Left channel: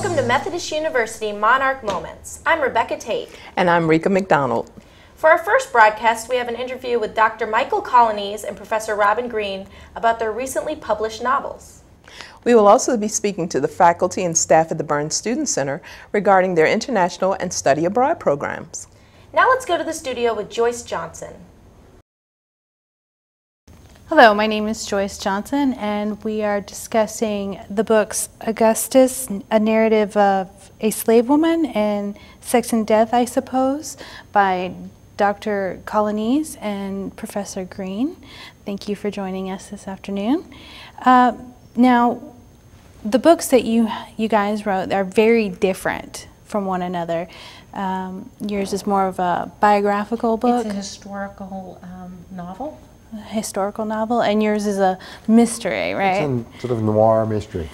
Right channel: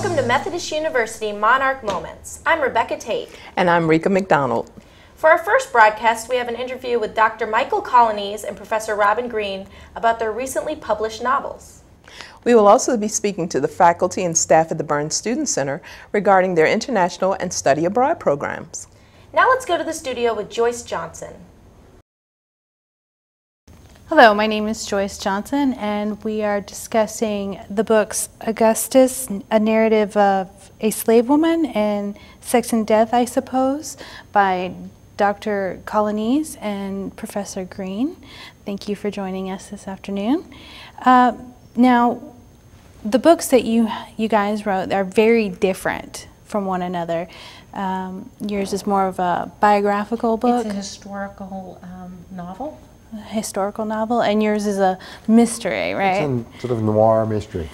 Welcome to Methodist University Monarch Moments. I'm Rebecca Tate. And I'm Rika McDonald. For our first broadcast, we have an interview with Dr. Michael Colonies and Professor Robin Green about their recently published novels. We will also be speaking to the faculty and staff at the Burns Student Center regarding their international and study abroad programs. Now let's go to the studio with Joyce Johnson. Hello, my name is Joyce Johnson, and we are discussing the books Augustus, A Narrative of a Slave Woman, and Sex and Death, I Suppose, by Dr. Colonies and Professor Green. Thank you for joining us this afternoon. Now, the books that you guys wrote are very different from one another. Yours is more of a biographical book. It's a historical novel. A historical novel, and yours is a mystery, right? It's a sort of noir mystery.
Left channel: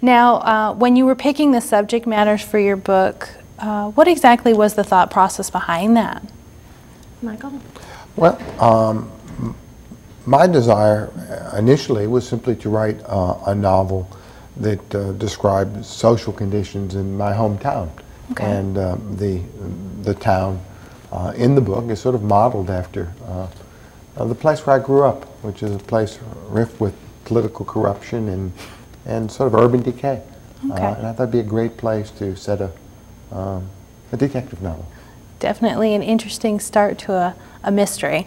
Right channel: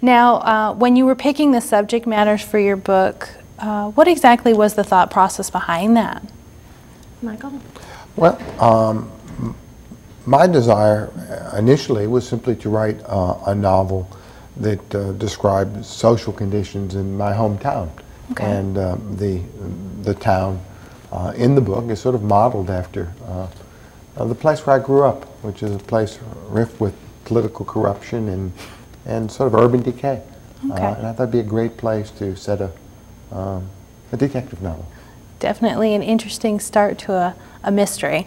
Now, when you were picking the subject matters for your book, what exactly was the thought process behind that? Michael? Well, my desire initially was simply to write a novel that described social conditions in my hometown. Okay. And the town in the book is sort of modeled after the place where I grew up, which is a place rife with political corruption and sort of urban decay. Okay. And I thought it'd be a great place to set a detective novel. Definitely an interesting start to a mystery.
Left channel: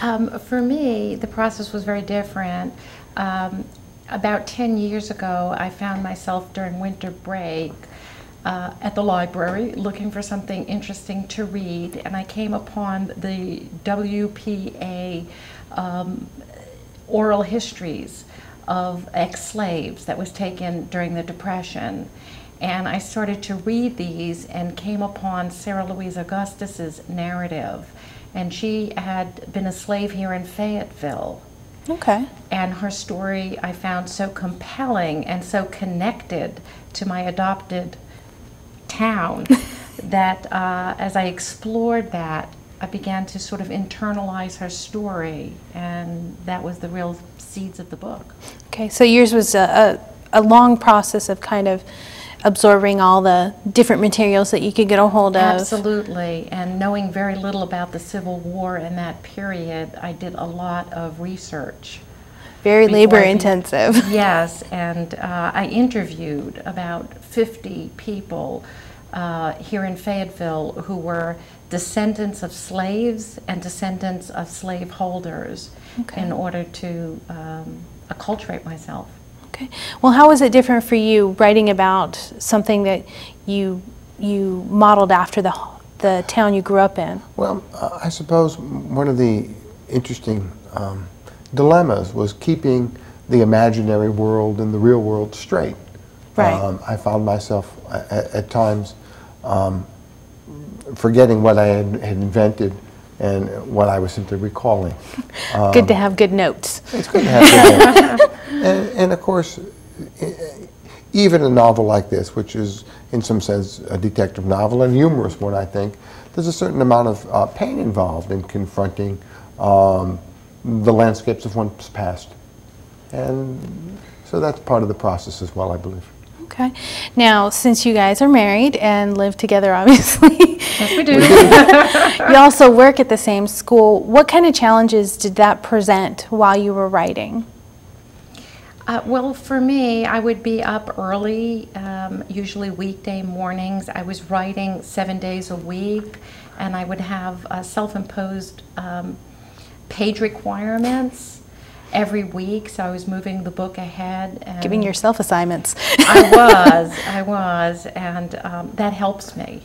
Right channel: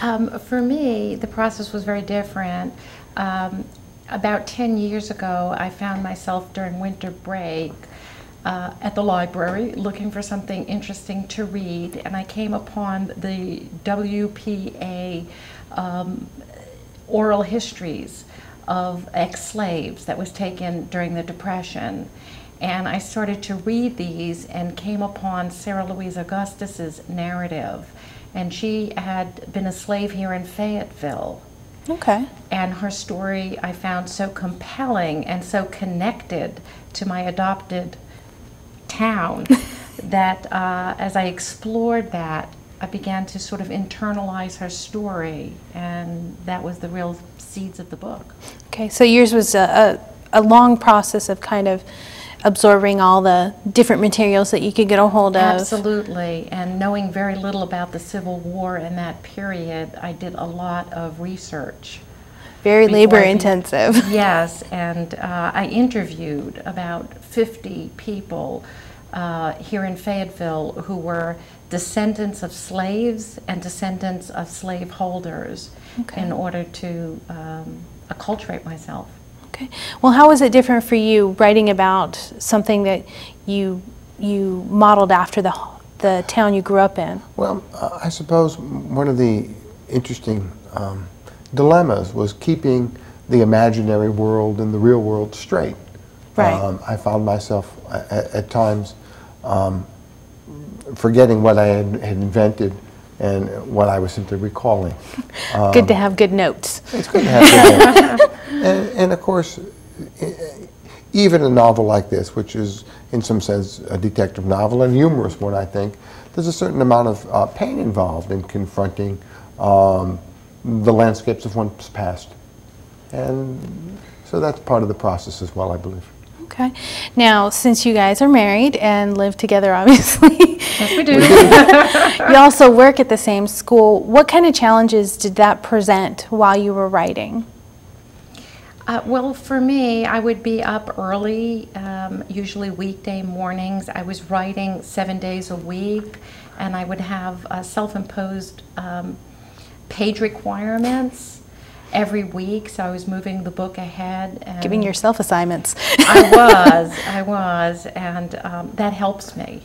For me, the process was very different. About 10 years ago, I found myself during winter break at the library looking for something interesting to read, and I came upon the WPA oral histories of ex-slaves that was taken during the Depression. And I started to read these and came upon Sarah Louise Augustus's narrative. And she had been a slave here in Fayetteville. Okay. And her story I found so compelling and so connected to my adopted town that as I explored that, I began to sort of internalize her story, and that was the real seeds of the book. Okay, so yours was a long process of kind of absorbing all the different materials that you could get a hold of. Absolutely, and knowing very little about the Civil War in that period, I did a lot of research. Very labor intensive. Yes, and I interviewed about 50 people here in Fayetteville who were descendants of slaves and descendants of slaveholders, okay, in order to acculturate myself. Okay. Well, how was it different for you writing about something that you modeled after the town you grew up in? Well, I suppose one of the interesting dilemmas was keeping the imaginary world and the real world straight. Right. I found myself at times forgetting what I had invented and what I was simply recalling. Good to have good notes. It's good to have good notes. And of course, even a novel like this, which is in some sense a detective novel, and a humorous one, I think, there's a certain amount of pain involved in confronting the landscapes of one's past. And so that's part of the process as well, I believe. Okay. Now, since you guys are married and live together, obviously, Yes, we do. you also work at the same school. What kind of challenges did that present while you were writing? Well, for me, I would be up early, usually weekday mornings. I was writing 7 days a week, and I would have self-imposed page requirements every week, so I was moving the book ahead. And Giving yourself assignments. I was, and that helps me.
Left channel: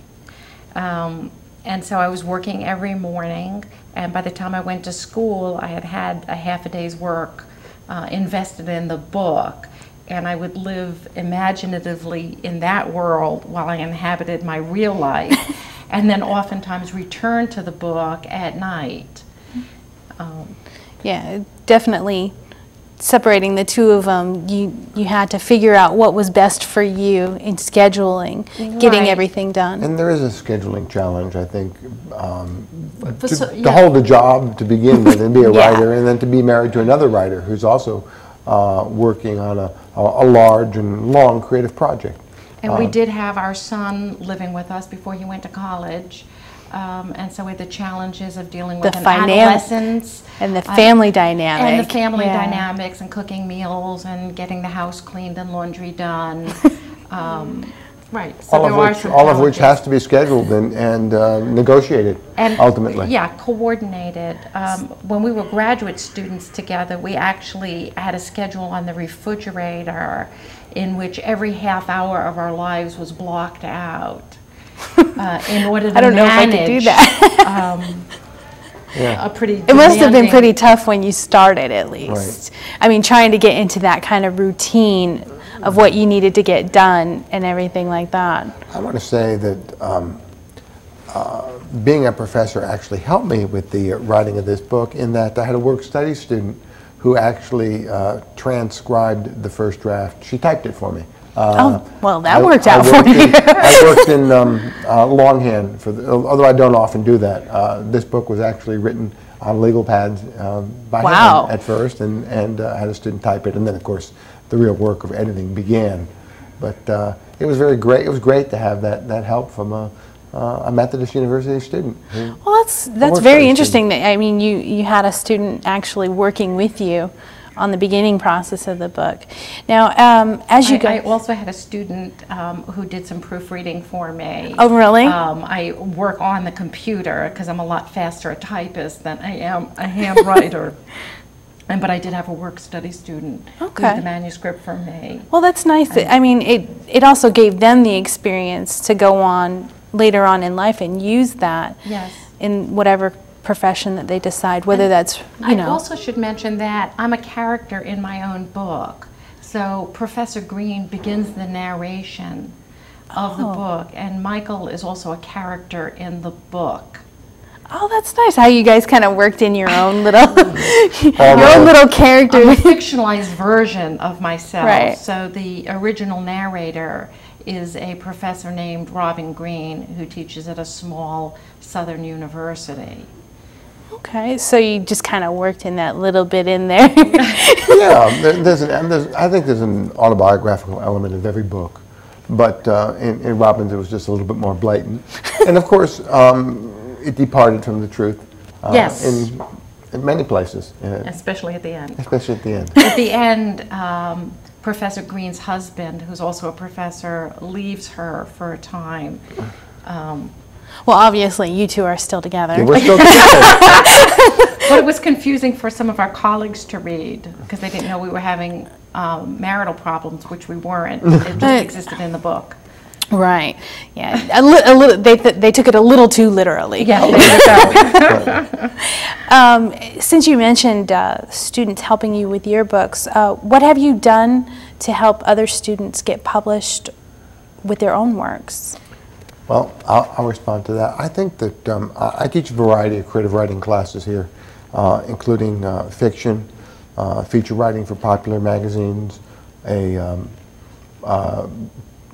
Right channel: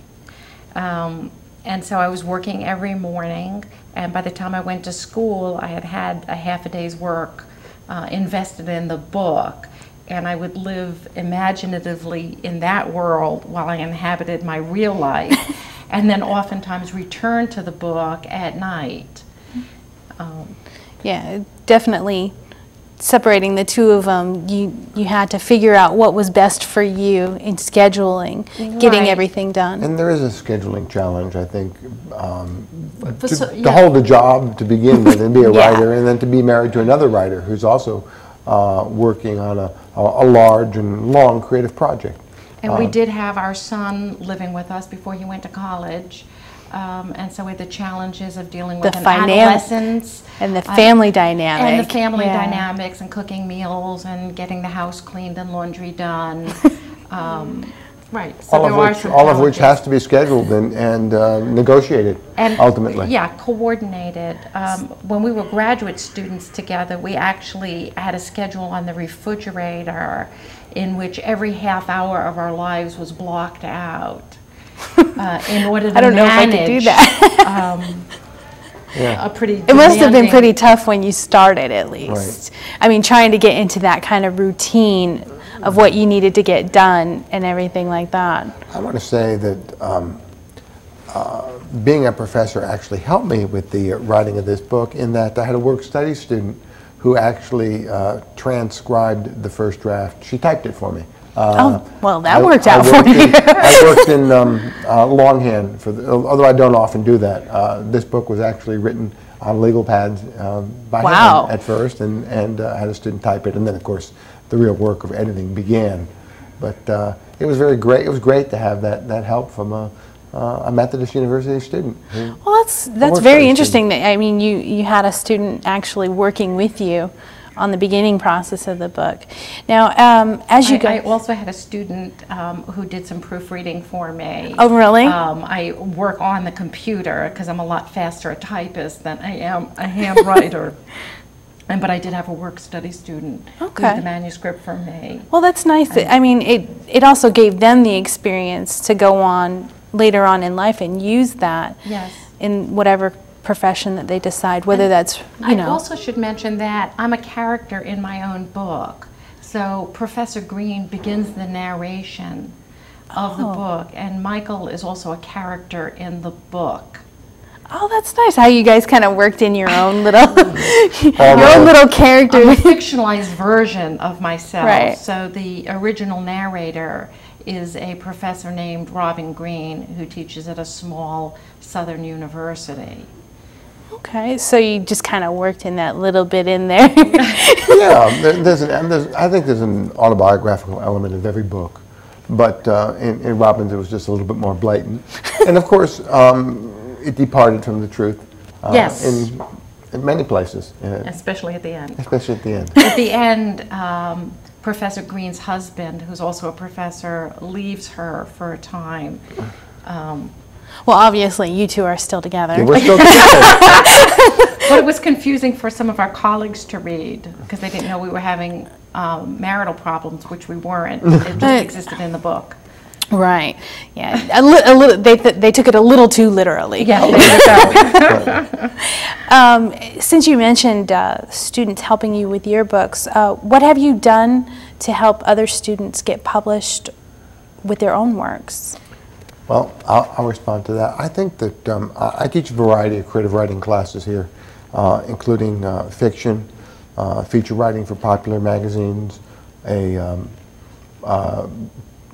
And so I was working every morning, and by the time I went to school, I had a half a day's work invested in the book, and I would live imaginatively in that world while I inhabited my real life, and then oftentimes return to the book at night. Yeah, definitely separating the two of them, you had to figure out what was best for you in scheduling, getting Right. everything done. And there is a scheduling challenge, I think, to hold a job to begin with and be a Yeah. writer, and then to be married to another writer who's also working on a large and long creative project. And we did have our son living with us before he went to college. And so we had the challenges of dealing with adolescents. And the family dynamic. And the family dynamics and cooking meals and getting the house cleaned and laundry done. Right. So all of which has to be scheduled and negotiated ultimately. Yeah, coordinated. When we were graduate students together, we actually had a schedule on the refrigerator in which every half hour of our lives was blocked out in order to I don't know if I manage could do that. a pretty It must have been pretty tough when you started, at least. Right. I mean, trying to get into that kind of routine of what you needed to get done and everything like that. I want to say that being a professor actually helped me with the writing of this book, in that I had a work-study student who actually transcribed the first draft. She typed it for me. Oh, well, that worked out for you. I worked in longhand, although I don't often do that. This book was actually written on legal pads by him at first, and had a student type it, and then, of course, the real work of editing began. But it was very great. It was great to have that help from a Methodist University student. Well, that's very interesting. That, I mean, you had a student actually working with you on the beginning process of the book. Now, as you go... I also had a student who did some proofreading for me. Oh, really? I work on the computer because I'm a lot faster a typist than I am a handwriter. But I did have a work-study student who did the manuscript for me. Well, that's nice. I mean, it also gave them the experience to go on later on in life and use that in whatever profession that they decide, whether that's, you know. I also should mention that I'm a character in my own book. So Professor Green begins the narration of the book, and Michael is also a character in the book. Oh, that's nice how you guys kind of worked in your own little character. I'm a fictionalized version of myself. Right. So the original narrator is a professor named Robin Green who teaches at a small southern university. Okay, so you just kind of worked in that little bit in there. Yeah, I think there's an autobiographical element of every book, but in Robin's it was just a little bit more blatant. And of course, it departed from the truth in many places. Especially at the end. Especially at the end. At the end, Professor Green's husband, who's also a professor, leaves her for a time. Well, obviously, you two are still together. Yeah, we're still together. But it was confusing for some of our colleagues to read because they didn't know we were having marital problems, which we weren't. It just existed in the book. Right. Yeah. They took it a little too literally. Yeah. Since you mentioned students helping you with your books, what have you done to help other students get published with their own works? Well, I'll respond to that. I think that I teach a variety of creative writing classes here, including fiction, feature writing for popular magazines, a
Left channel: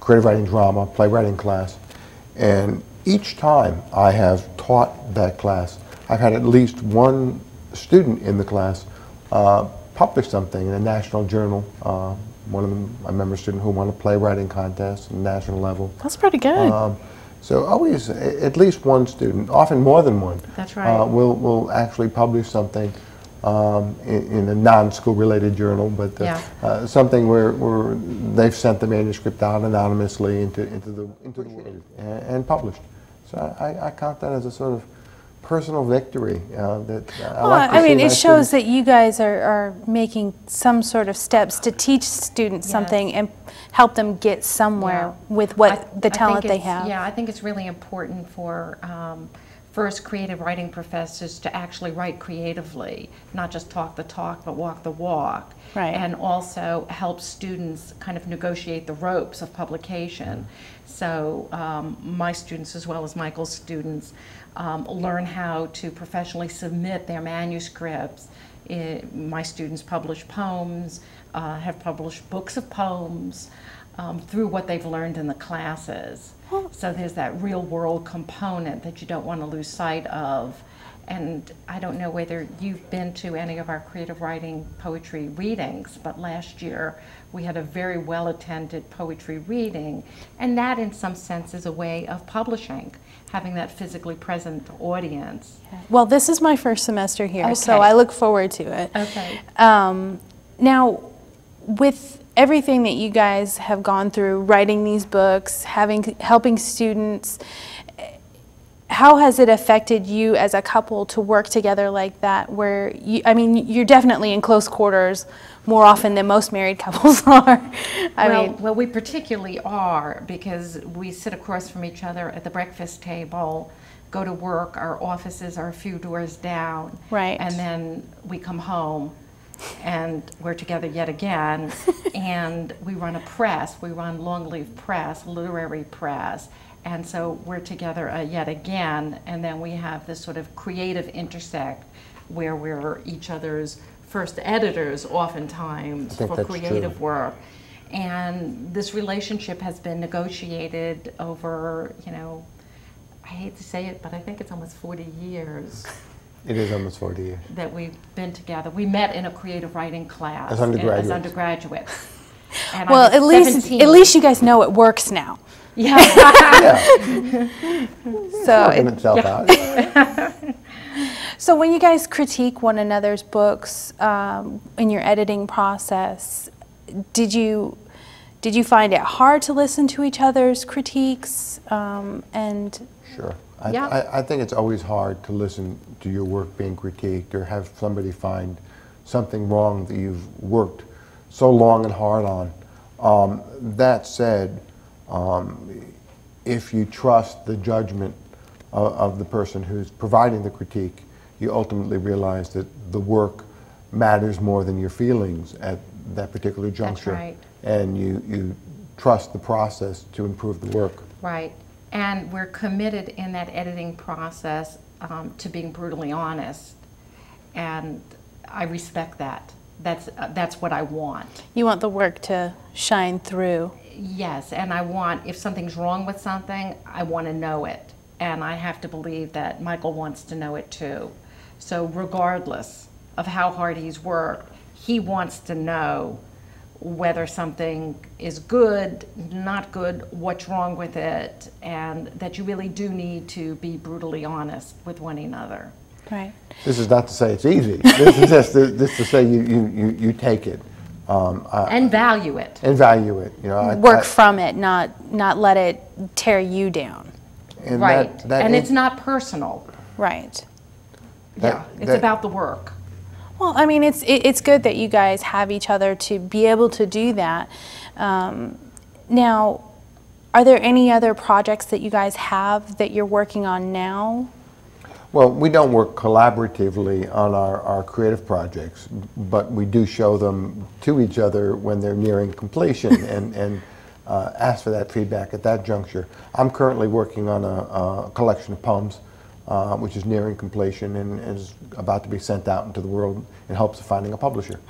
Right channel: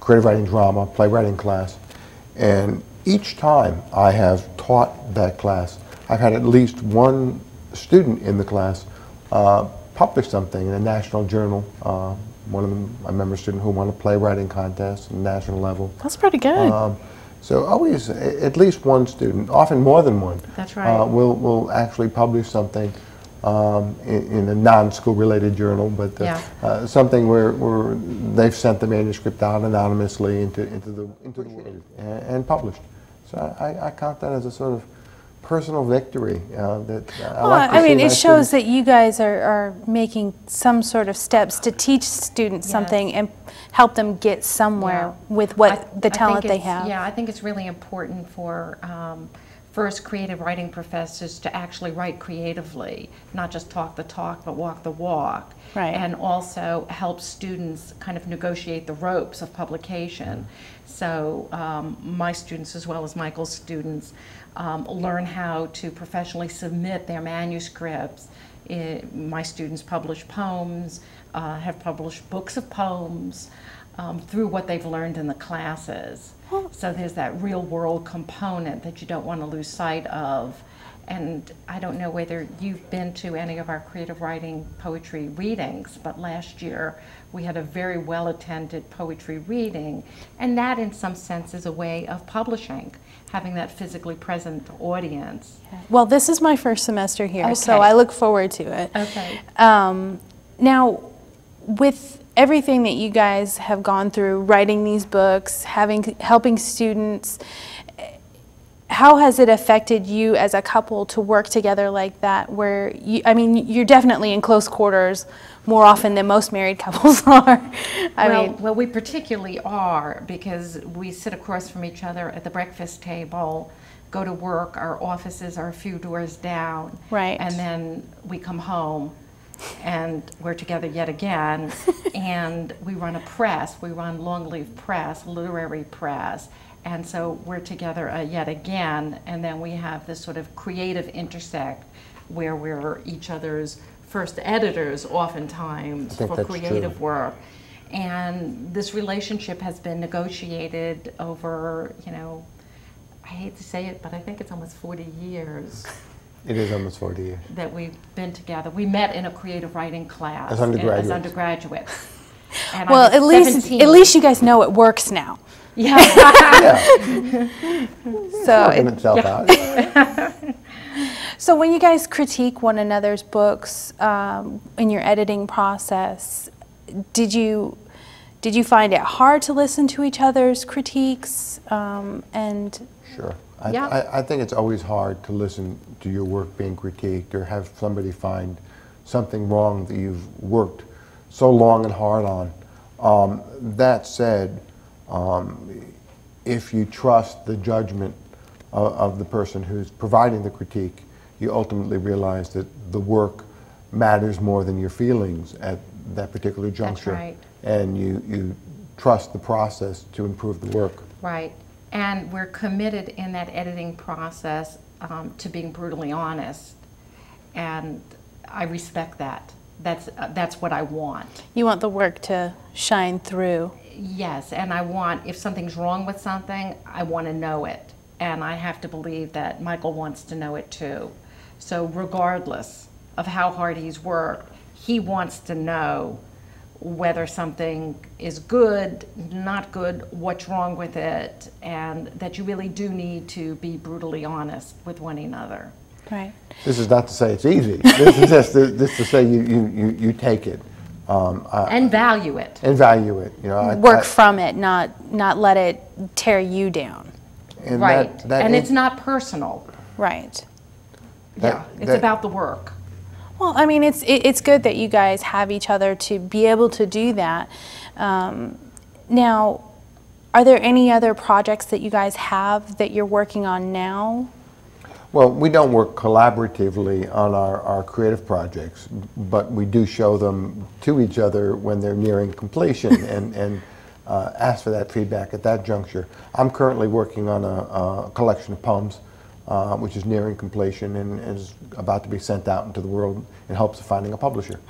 creative writing drama, playwriting class. And each time I have taught that class, I've had at least one student in the class publish something in a national journal. One of them, I remember a student who won a playwriting contest at the national level. That's pretty good. So always at least one student, often more than one, that's right, will actually publish something in a non-school related journal, but something where they've sent the manuscript out anonymously into the world and published. So I count that as a sort of personal victory. I mean, it shows that you guys are making some sort of steps to teach students something and help them get somewhere with the talent they have. Yeah, I think it's really important for first creative writing professors to actually write creatively, not just talk the talk, but walk the walk. Right. And also help students kind of negotiate the ropes of publication. So my students, as well as Michael's students, learn how to professionally submit their manuscripts. My students publish poems, have published books of poems through what they've learned in the classes. So there's that real world component that you don't want to lose sight of. and I don't know whether you've been to any of our creative writing poetry readings, but last year we had a very well-attended poetry reading, and that in some sense is a way of publishing, having that physically present audience. Well, this is my first semester here, so Okay. I look forward to it. Okay. Now, with everything that you guys have gone through, writing these books, helping students, how has it affected you as a couple to work together like that, where you, I mean, you're definitely in close quarters more often than most married couples are. Well, we particularly are, because we sit across from each other at the breakfast table, go to work, our offices are a few doors down. Right. And then we come home and we're together yet again, and we run a press, we run Longleaf Press, literary press, and so we're together yet again, and then we have this sort of creative intersect where we're each other's first editors oftentimes for creative work. And this relationship has been negotiated over, you know, I hate to say it, but I think it's almost 40 years. It is almost 40 years. That we've been together. We met in a creative writing class as undergraduates. And well, at least you guys know it works now. Yeah. Yeah. So Working itself out. So when you guys critique one another's books in your editing process, did you find it hard to listen to each other's critiques? Sure. Yeah. I think it's always hard to listen to your work being critiqued or have somebody find something wrong that you've worked so long and hard on. That said, if you trust the judgment of the person who's providing the critique, you ultimately realize that the work matters more than your feelings at that particular juncture. That's right. And you trust the process to improve the work. Right. And we're committed in that editing process to being brutally honest. And I respect that. That's what I want. You want the work to shine through. Yes, and I want, if something's wrong with something, I want to know it. And I have to believe that Michael wants to know it too. So regardless of how hard he's worked, he wants to know whether something is good, not good, what's wrong with it, and that you really do need to be brutally honest with one another. Right. This is not to say it's easy. This is just to say you take it. And value it. And value it. You know, Work from it, not let it tear you down. And right. And it's not personal. Right. It's about the work. Well, I mean, it's good that you guys have each other to be able to do that. Now, are there any other projects that you guys have that you're working on now? Well, we don't work collaboratively on our creative projects, but we do show them to each other when they're nearing completion and ask for that feedback at that juncture. I'm currently working on a collection of poems, which is nearing completion and is about to be sent out into the world in hopes of finding a publisher.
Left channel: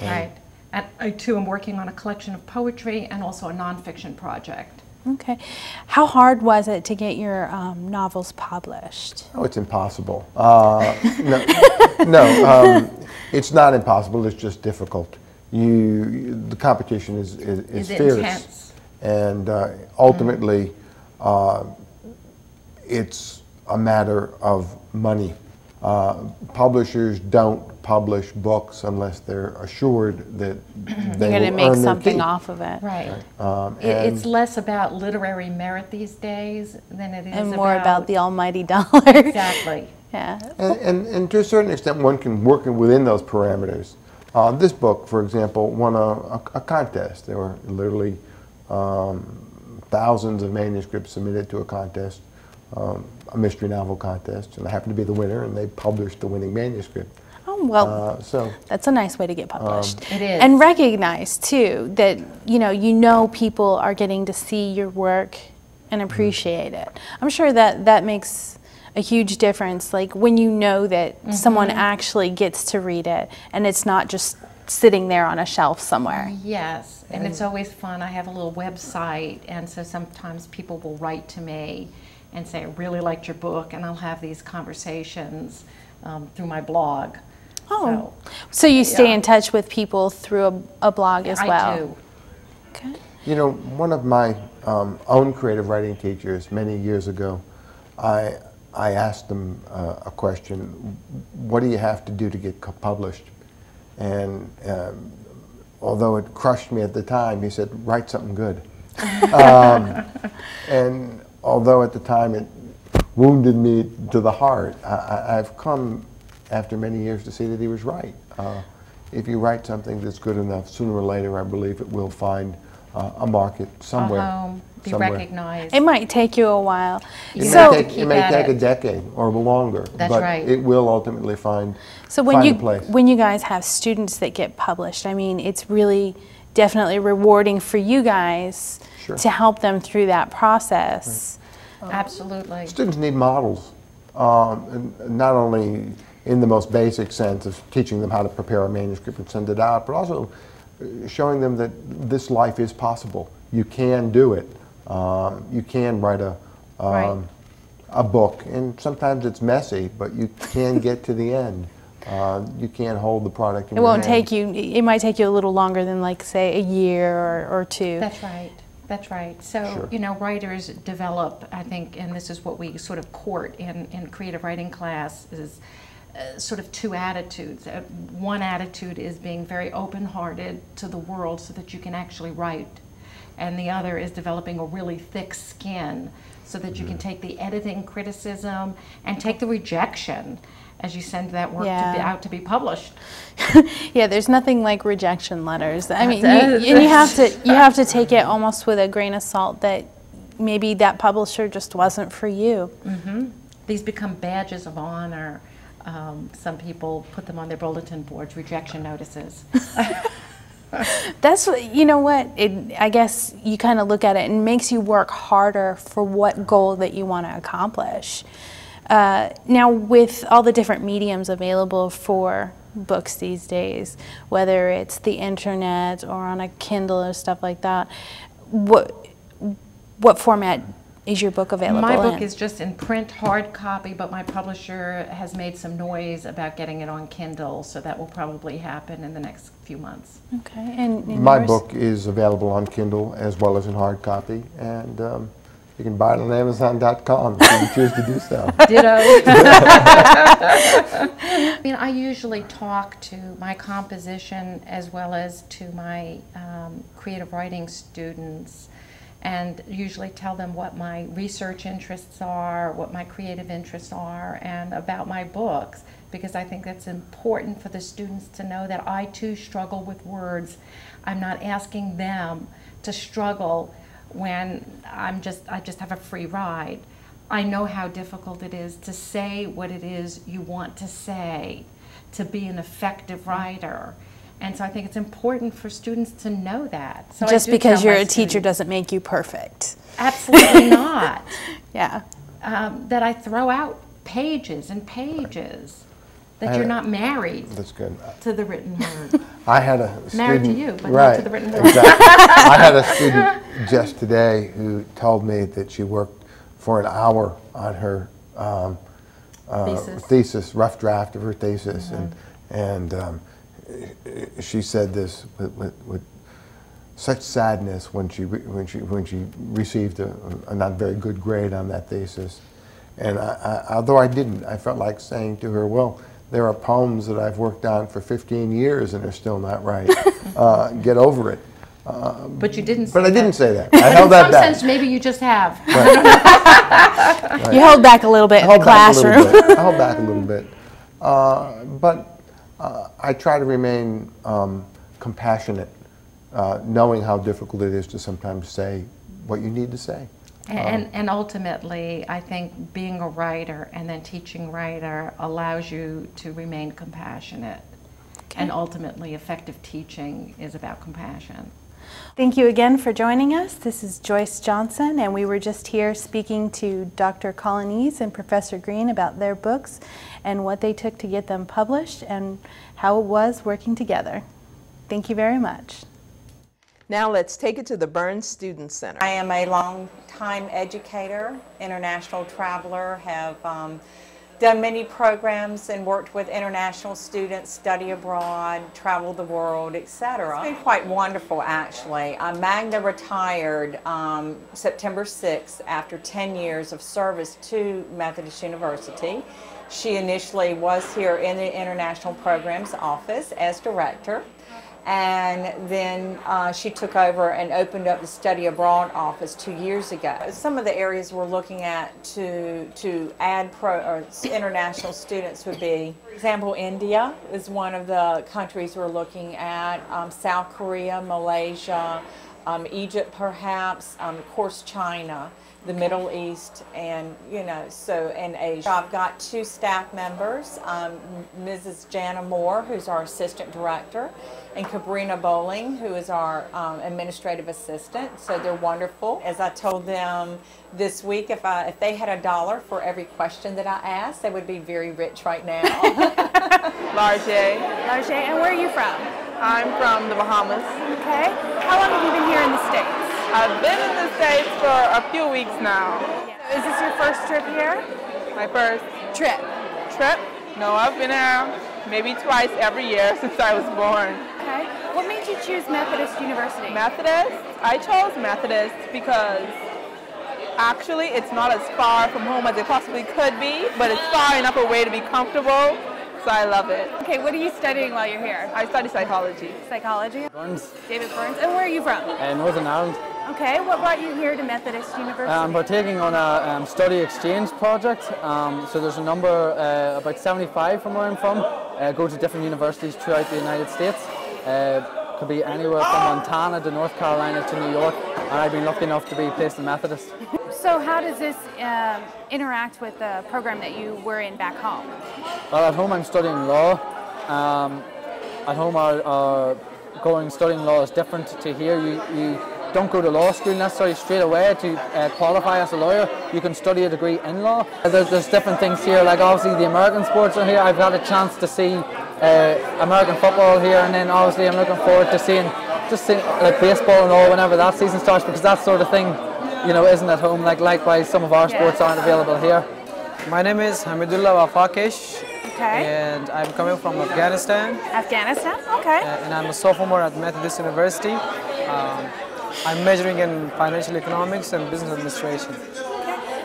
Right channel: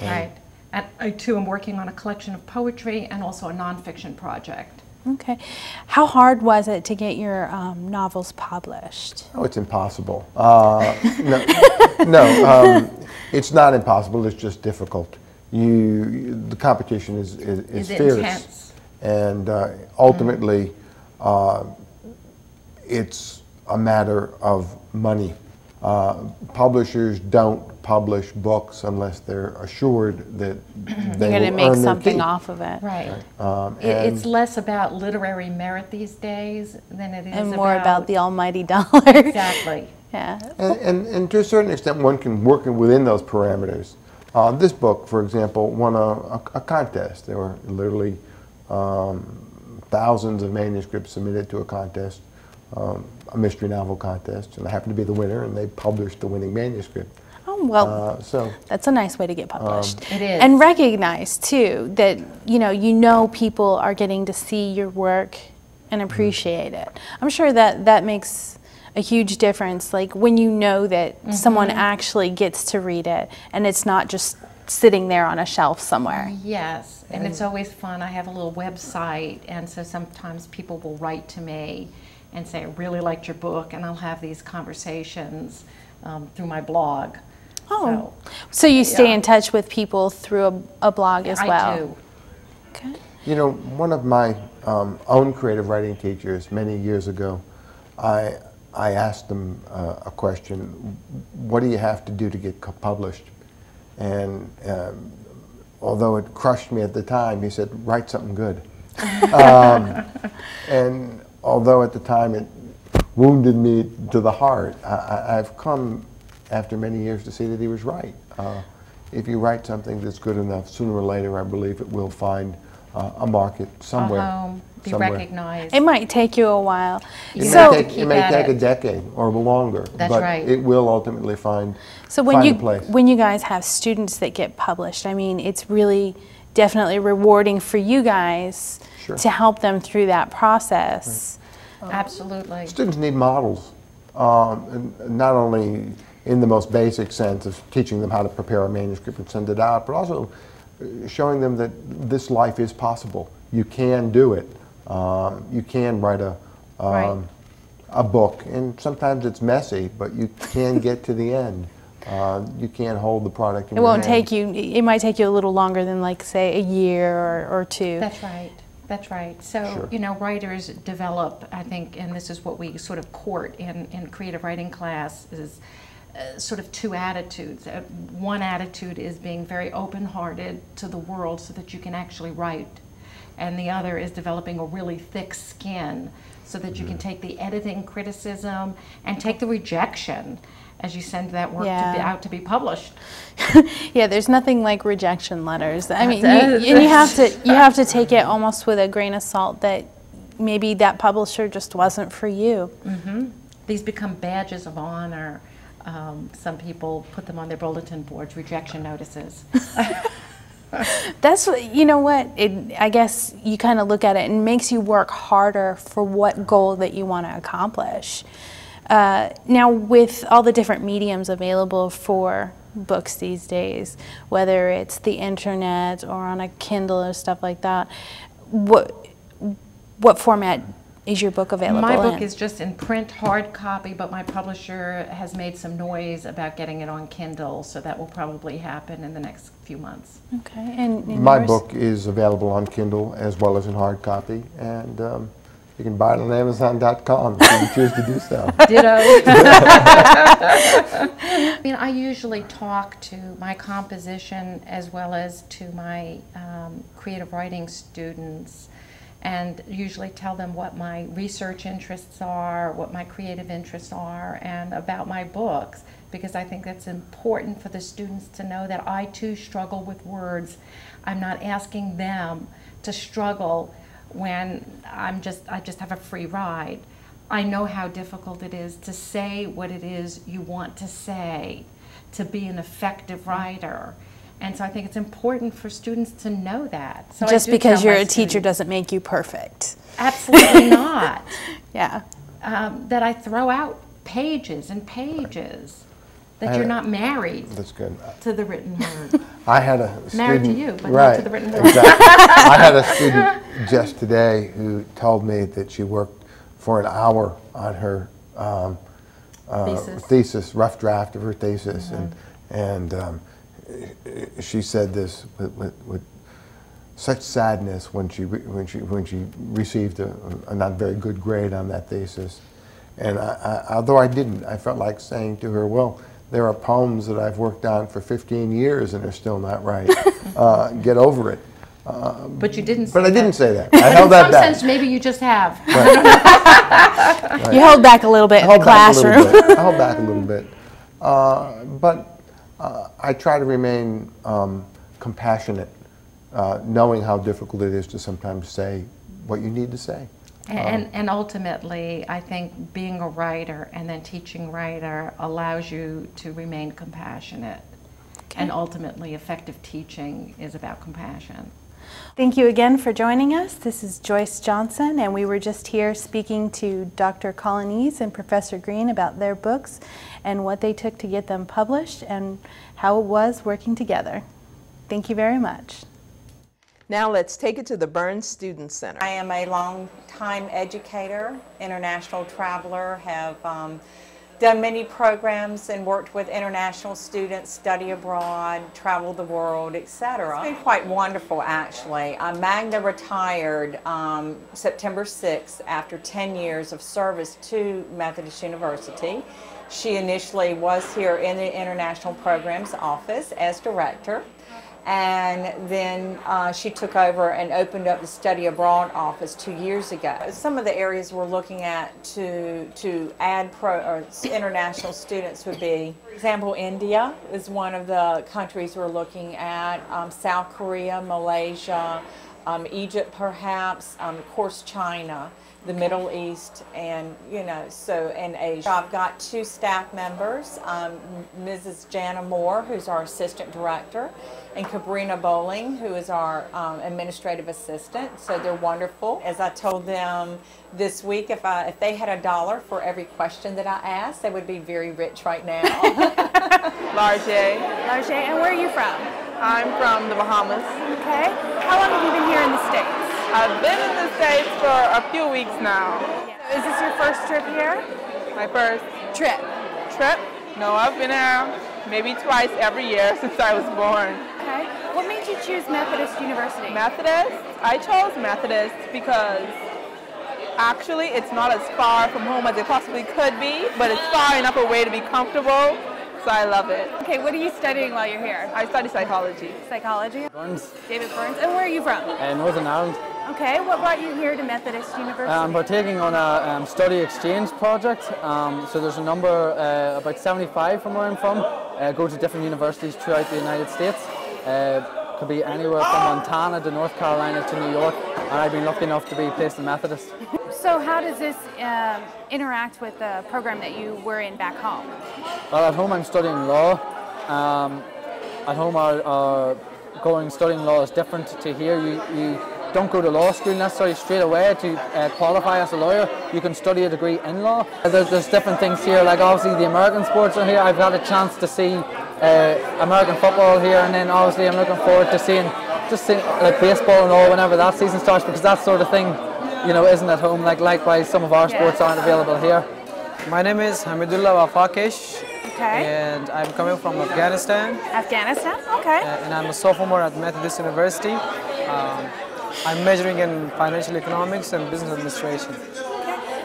Right. And I too am working on a collection of poetry and also a nonfiction project. Okay. How hard was it to get your novels published? Oh, it's impossible. It's not impossible. It's just difficult. The competition is fierce, intense. And ultimately, it's a matter of money. Publishers don't publish books unless they're assured that they're going to make something off of it. Right. It's less about literary merit these days than it is and more about the almighty dollar. Exactly. Yeah. And to a certain extent, one can work within those parameters. This book, for example, won a contest. There were literally thousands of manuscripts submitted to a contest, a mystery novel contest, and I happened to be the winner, and they published the winning manuscript. Oh, well, that's a nice way to get published. It is. And recognize, too, that you know people are getting to see your work and appreciate it. I'm sure that makes a huge difference, like when you know that someone actually gets to read it and it's not just sitting there on a shelf somewhere. Yes, and it's always fun. I have a little website, and so sometimes people will write to me and say, I really liked your book, and I'll have these conversations through my blog. Oh, so you stay in touch with people through a blog as well? I do. Okay. You know, one of my own creative writing teachers many years ago, I asked them a question: what do you have to do to get published? And although it crushed me at the time, he said, write something good. And although at the time it wounded me to the heart, I've come after many years to see that he was right. If you write something that's good enough, sooner or later I believe it will find a market somewhere. A home, be somewhere. recognized. It might take you a while. It So, may take a decade or longer, That's but right. it will ultimately find when a place. when you guys have students that get published, I mean, it's really definitely rewarding for you guys Sure. to help them through that process. Absolutely. Students need models, and not only in the most basic sense of teaching them how to prepare a manuscript and send it out, but also showing them that this life is possible. You can do it. You can write a book, and sometimes it's messy, but you can get to the end. You can't hold the product in It your won't hand. take you, it might take you a little longer than, like, say, a year or two. That's right. That's right. So, Sure. you know, writers develop, I think, and this is what we sort of court in creative writing class, is sort of two attitudes. One attitude is being very open-hearted to the world so that you can actually write. And the other is developing a really thick skin so that you can take the editing criticism and take the rejection as you send that work out to be published. Yeah, there's nothing like rejection letters. I mean, you have to take it almost with a grain of salt that maybe that publisher just wasn't for you. Mm-hmm. These become badges of honor. Some people put them on their bulletin boards, rejection notices. That's what, you know what, I guess you kind of look at it and it makes you work harder for what goal that you want to accomplish. Now, with all the different mediums available for books these days, whether it's the internet or on a Kindle or stuff like that, what format is your book available in? My book is just in print, hard copy, but my publisher has made some noise about getting it on Kindle, so that will probably happen in the next few months. Okay, and My yours? book is available on Kindle as well as in hard copy, and you can buy it on Amazon.com if you choose to do so. Ditto. I mean, I usually talk to my composition as well as to my creative writing students, and usually tell them what my research interests are, what my creative interests are, and about my books, because I think that's important for the students to know that I too struggle with words. I'm not asking them to struggle when I just have a free ride. I know how difficult it is to say what it is you want to say, to be an effective writer. And so I think it's important for students to know that. So just because you're a teacher doesn't make you perfect. Absolutely not. Yeah. That I throw out pages and pages. That you're not married That's good. to the written word. I had a student, Married to you, but right, not to the written word. Exactly. I had a student just today who told me that she worked for an hour on her thesis, rough draft of her thesis, and she said this with such sadness when she received a not very good grade on that thesis. And although I didn't, I felt like saying to her, well, there are poems that I've worked on for 15 years and they're still not right. Get over it. But you didn't say But I that. didn't say that. I held that In some back. sense, maybe you just have. You held back a little bit in the classroom. I held back a little bit. But I try to remain compassionate, knowing how difficult it is to sometimes say what you need to say. And ultimately, I think being a writer and then teaching writer allows you to remain compassionate. Okay. And ultimately, effective teaching is about compassion. Thank you again for joining us. This is Joyce Johnson, and we were just here speaking to Dr. Colonese and Professor Green about their books and what they took to get them published and how it was working together. Thank you very much. Now let's take it to the Burns Student Center. I am a long-time educator, international traveler, have done many programs and worked with international students, study abroad, travel the world, etc. It's been quite wonderful, actually. Magna retired September 6th after 10 years of service to Methodist University. She initially was here in the International Programs Office as director. And then she took over and opened up the Study Abroad office 2 years ago. Some of the areas we're looking at to add international students would be, for example, India is one of the countries we're looking at, South Korea, Malaysia, Egypt perhaps, of course China, the Middle East, and and Asia. I've got 2 staff members, Mrs. Jana Moore, who's our assistant director, and Cabrina Bowling, who is our administrative assistant. So they're wonderful. As I told them this week, if they had $1 for every question that I asked, they would be very rich right now.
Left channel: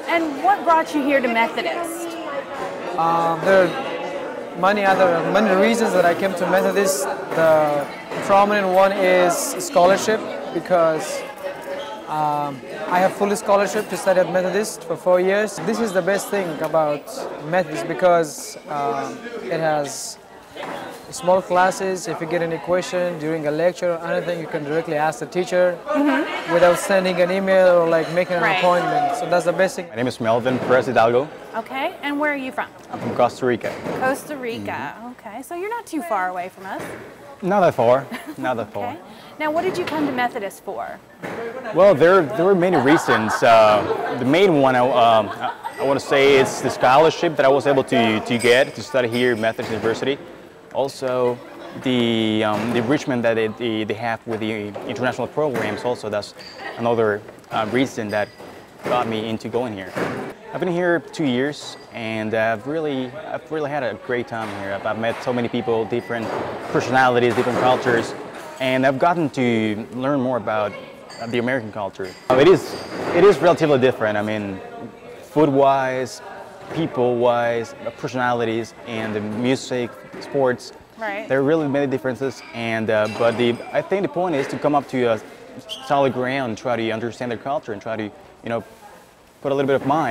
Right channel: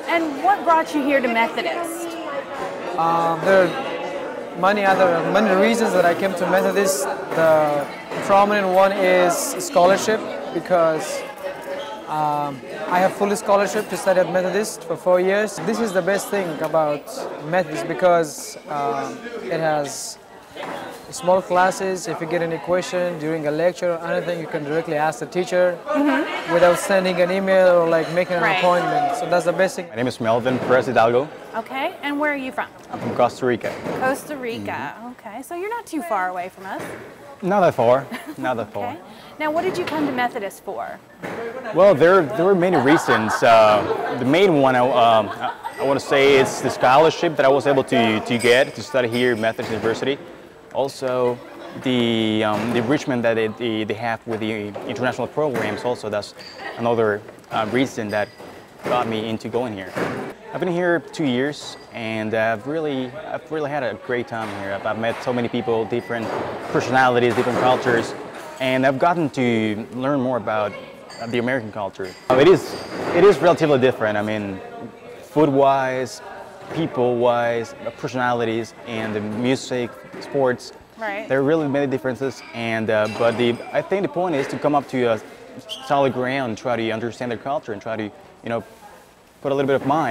And what brought you here to Methodist? One of the reasons that I come to Methodist primary work is scholarship, because I have finished scholarship to study Methodist for 4 years. This is the best thing about Methodist because it has small classes, you can get a person, you can lecture, you can class the teacher. When I send it in there, like, that's the best thing. Not a far. And what did you do with Methodist? Well, there are many reasons. Meanwhile, what's there is scholarship that was able to present that you have to visit. So, the wisdom that it would be the kind of work she does, how they use the fact that over 2 years, that really put a lot of great things that met so many people with different personalities in the office, and I've gotten to learn more about human politics. It is definitely different. Food-wise, people-wise, personalities, music, sports, there are really no differences. And but I think the point is to come up to a college and study at the same time. So when they're home,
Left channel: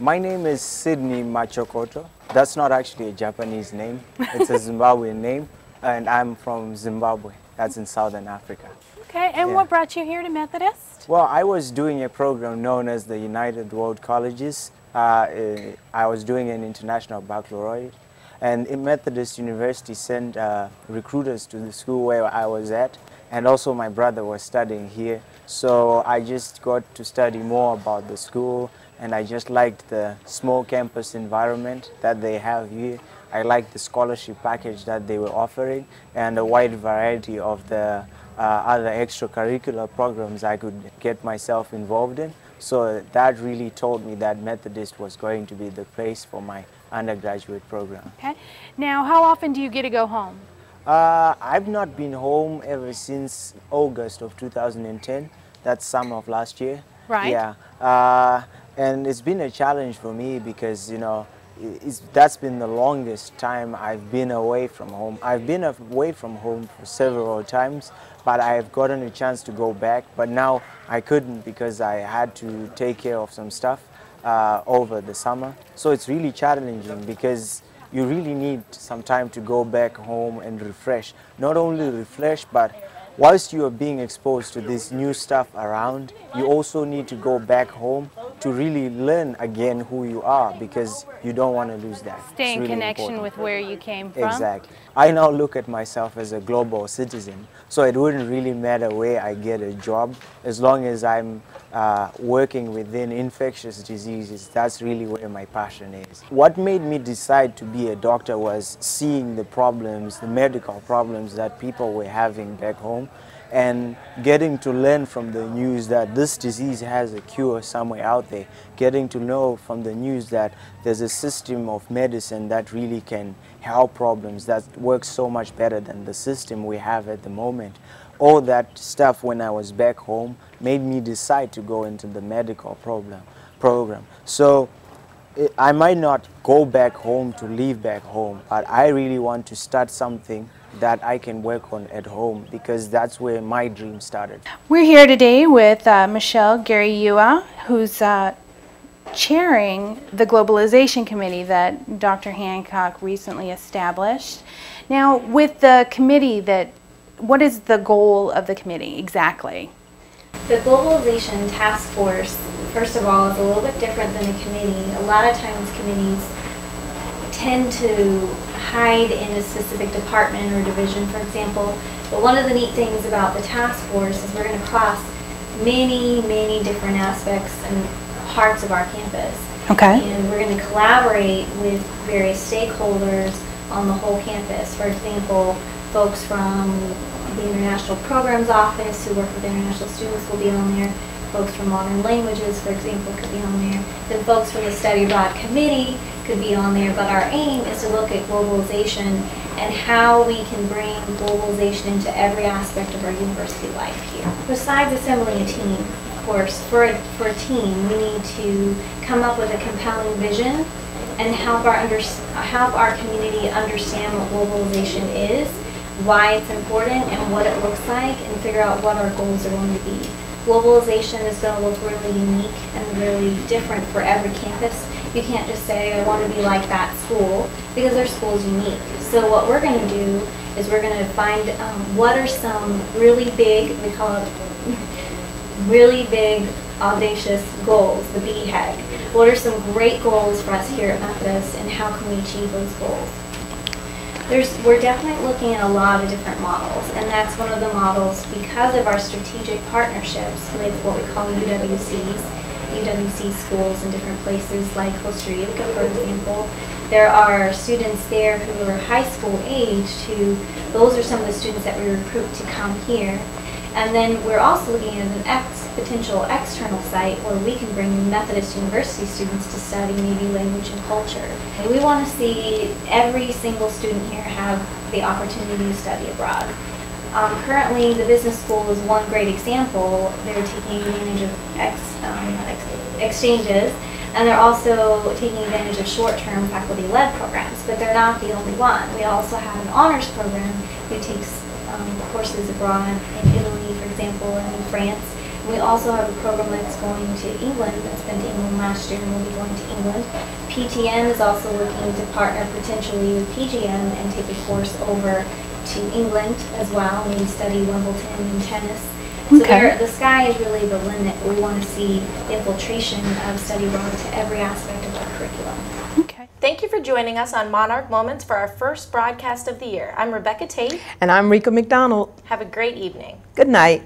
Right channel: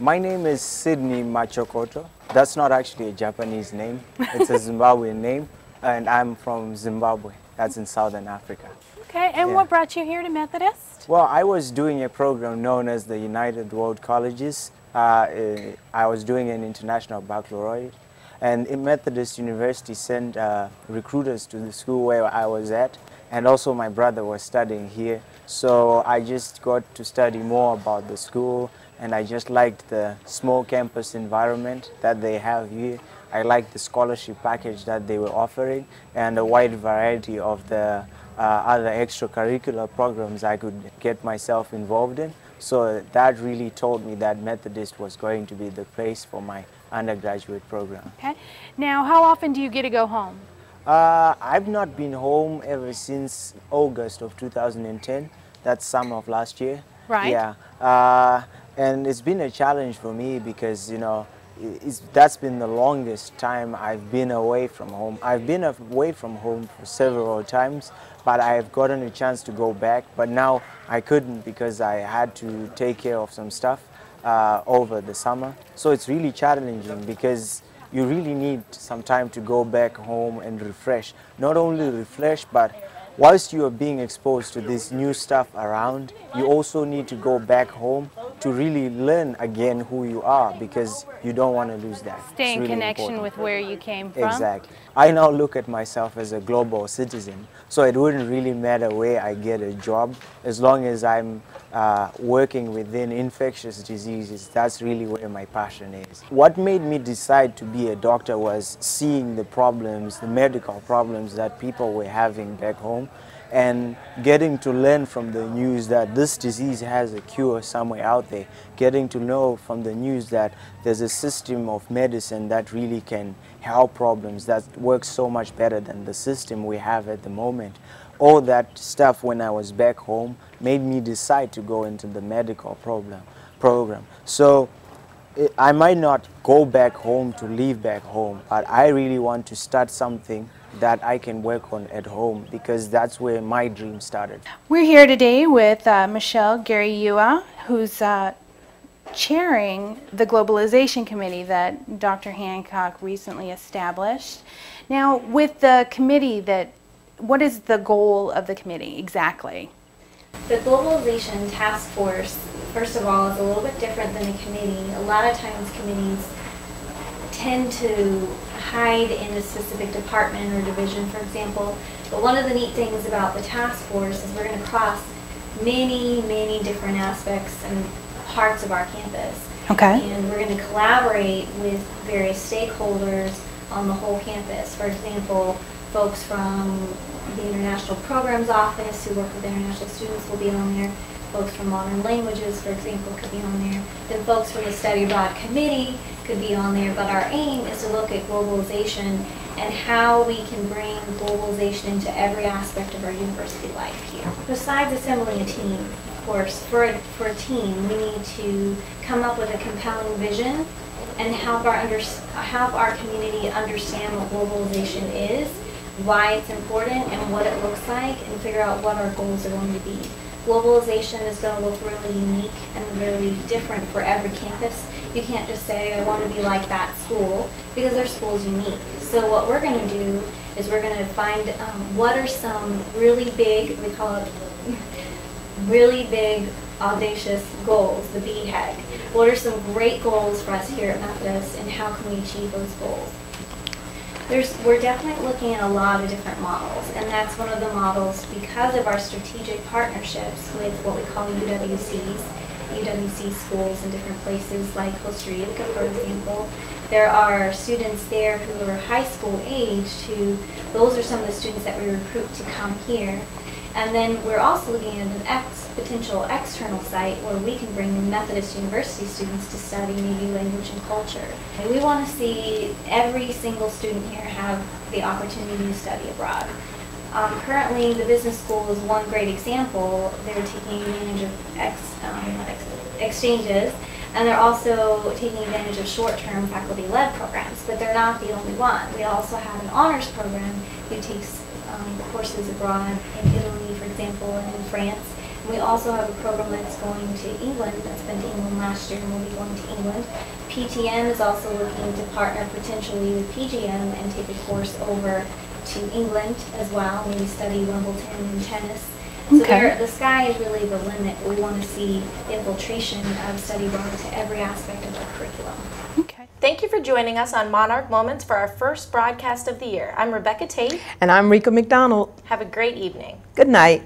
my name is Sydney Machokoto. That's not actually a Japanese name. It's a Zimbabwean name, and I'm from Zimbabwe. That's in Southern Africa. Okay, and what brought you here to Methodist? Well, I was doing a program known as the United World Colleges. I was doing an international baccalaureate, and in Methodist University sent recruiters to the school where I was at, and also my brother was studying here. So I just got to study more about the school and I just liked the small campus environment that they have here. I liked the scholarship package that they were offering and a wide variety of the other extracurricular programs I could get myself involved in. So that really told me that Methodist was going to be the place for my undergraduate program. Okay. Now, how often do you get to go home? I've not been home ever since August of 2010. That's summer of last year. Right. Yeah. And it's been a challenge for me because, you know, that's been the longest time I've been away from home. I've been away from home for several times, but I've gotten a chance to go back. But now I couldn't because I had to take care of some stuff over the summer. So it's really challenging because you really need some time to go back home and refresh. Not only refresh, but whilst you are being exposed to this new stuff around, you also need to go back home to really learn again who you are, because you don't want to lose that. Stay in really connection important. with where you came from. Exactly. I now look at myself as a global citizen, so it wouldn't really matter where I get a job, as long as I'm working within infectious diseases. That's really where my passion is. What made me decide to be a doctor was seeing the problems, the medical problems that people were having back home, and getting to learn from the news that this disease has a cure somewhere out there, getting to know from the news that there's a system of medicine that really can help problems, that works so much better than the system we have at the moment. All that stuff when I was back home made me decide to go into the medical program. So I might not go back home to live back home, but I really want to start something that I can work on at home, because that's where my dream started. We're here today with Michelle Gary-Yua, who's chairing the Globalization Committee that Dr. Hancock recently established. Now, with the committee, what is the goal of the committee exactly? The Globalization Task Force, first of all, is a little bit different than a committee. A lot of times committees tend to hide in a specific department or division, for example. But one of the neat things about the task force is we're going to cross many, many different aspects and parts of our campus. Okay. And we're going to collaborate with various stakeholders on the whole campus. For example, folks from the International Programs Office who work with international students will be on there. Folks from Modern Languages, for example, could be on there. The folks from the Study Abroad Committee could be on there. But our aim is to look at globalization and how we can bring globalization into every aspect of our university life here. Besides assembling a team, of course, for a team, we need to come up with a compelling vision and help our community understand what globalization is, why it's important, and what it looks like, and figure out what our goals are going to be. Globalization is going to look really unique and really different for every campus. You can't just say, I want to be like that school, because their school is unique. So what we're going to do is we're going to find what are some really big, we call it really big, audacious goals, the beachhead. What are some great goals for us here at Methodist, and how can we achieve those goals? We're definitely looking at a lot of different models, and that's one of the models because of our strategic partnerships with what we call EWC schools in different places like Costa Rica, for example. There are students there who are high school age those are some of the students that we recruit to come here. And then we're also looking at an potential external site where we can bring Methodist University students to study maybe language and culture. And we want to see every single student here have the opportunity to study abroad. Currently, the business school is one great example. They're taking advantage of exchanges, and they're also taking advantage of short-term faculty-led programs, but they're not the only one. We also have an honors program which takes courses abroad, in Italy, for example, in France. We also have a program that's going to England. It's been to England last year, and we'll be going to England. PTN is also looking to partner potentially with PGN and take a course over to England as well, and we study Wimbledon and tennis. Okay. So the sky is really the limit. We want to see infiltration of study abroad to every aspect of our curriculum. Thank you for joining us on Monarch Moments for our first broadcast of the year. I'm Rebecca Tate. And I'm Rika McDonald. Have a great evening. Good night.